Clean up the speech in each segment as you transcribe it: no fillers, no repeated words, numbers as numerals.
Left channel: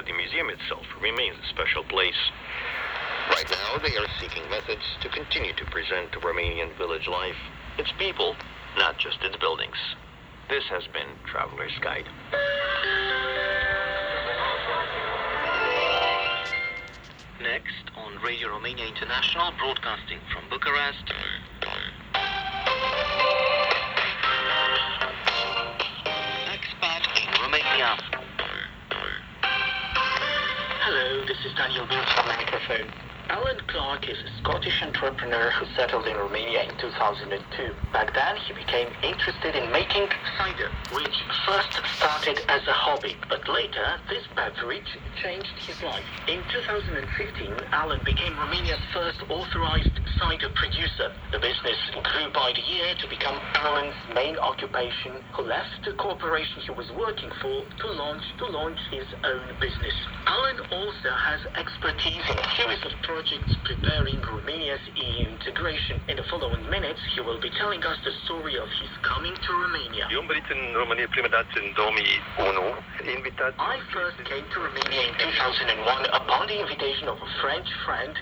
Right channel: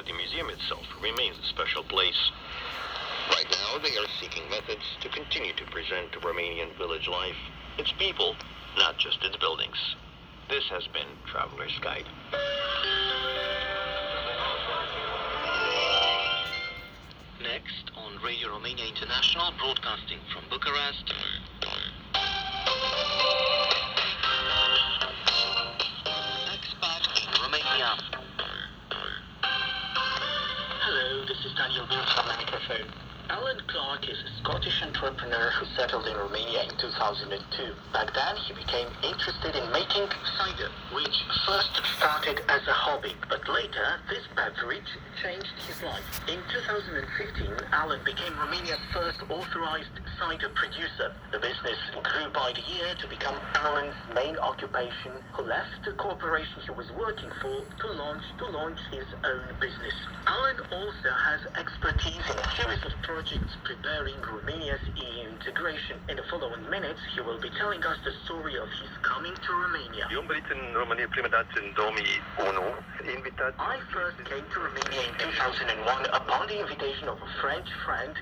but the museum itself remains a special place. Right now, they are seeking methods to continue to present Romanian village life, its people, not just its buildings. This has been Traveler's Guide. Next on Radio Romania International, broadcasting from Bucharest. Expat in Romania. Hello, this is Daniel Bills on the microphone. Alan Clark is a Scottish entrepreneur who settled in Romania in 2002. Back then, he became interested in making cider, which first started as a hobby, but later, this beverage changed his life. In 2015, Alan became Romania's first authorized cider producer. The business grew by the year to become Alan's main occupation, who left the corporation he was working for to launch his own business. Alan also has expertise in a series of projects preparing Romania's EU integration. In the following minutes, he will be telling us the story of his coming to Romania. Eu am venit în România prima dată în 2001, invitat. I first came to Romania in 2001 upon the invitation of a French friend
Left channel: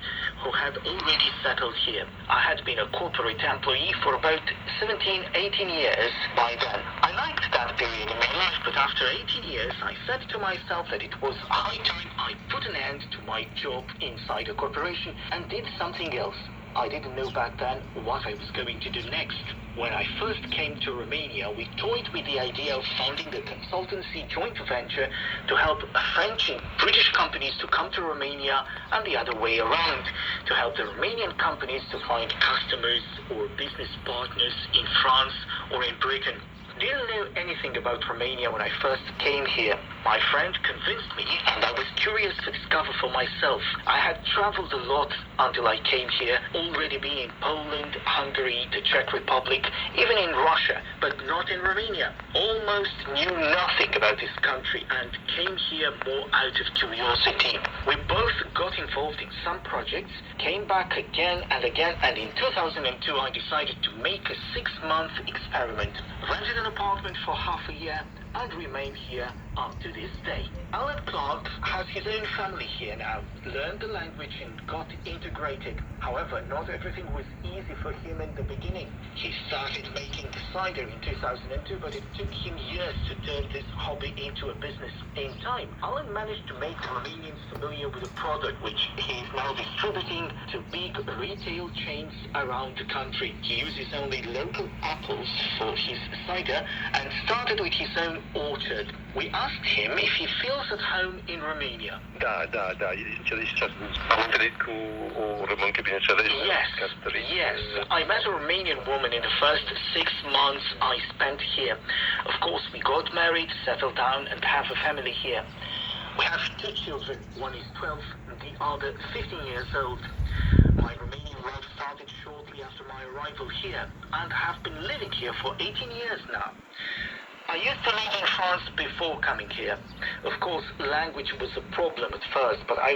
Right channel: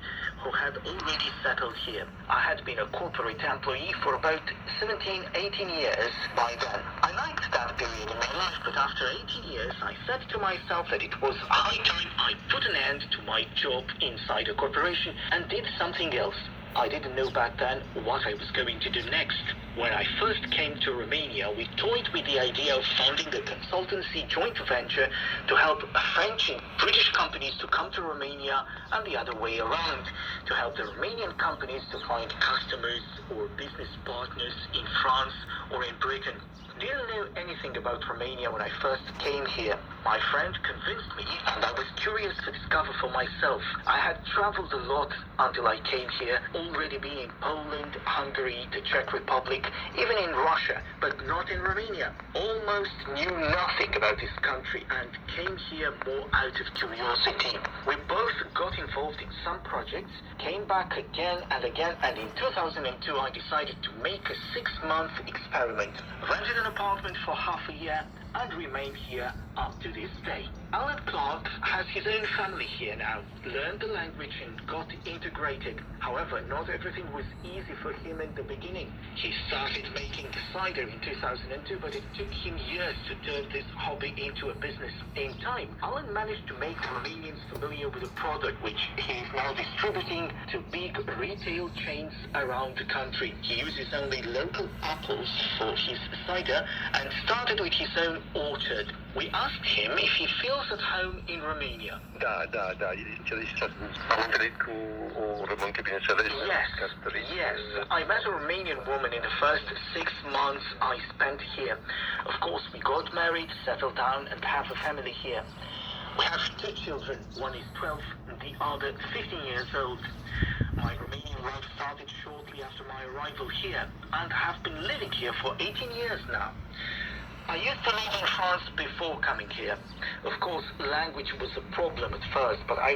who had already settled here. I had been a corporate employee for about 17, 18 years by then. I liked that period in my life, but after 18 years, I said to myself that it was high time I put an end to my job inside a corporation and did something else. I didn't know back then what I was going to do next. When I first came to Romania, we toyed with the idea of founding a consultancy joint venture to help French and British companies to come to Romania and the other way around, to help the Romanian companies to find customers or business partners in France or in Britain. Didn't know anything about Romania when I first came here. My friend convinced me, and I was curious to discover for myself. I had traveled a lot until I came here, already being in Poland, Hungary, the Czech Republic, even in Russia, but not in Romania. Almost knew nothing about this country and came here more out of curiosity. We both got involved in some projects, came back again and again, and in 2002 I decided to make a 6-month experiment. Rented an apartment for half a year and remained here up to this day. Alan Clark has his own family here now, learned the language and got integrated. However, not everything was easy for him in the beginning. He started making cider in 2002, but it took him years to turn this hobby into a business. In time, Alan managed to make Romanians familiar with the product, which he is now distributing to big retail chains around the country. He uses only local apples for his cider and started with his own orchard. We asked him if he feels at home in Romania. Da. Am întâlnit cu o româncă, bineînțeles. Yes. I met a Romanian woman in the first 6 months I spent here. Of course, we got married, settled down, and have a family here. We have 2 children. One is 12, and the other 15 years old. My Romanian life started shortly after my arrival here, and have been living here for 18 years now. I used to live in France before coming here. Of course, language was a problem at first, but I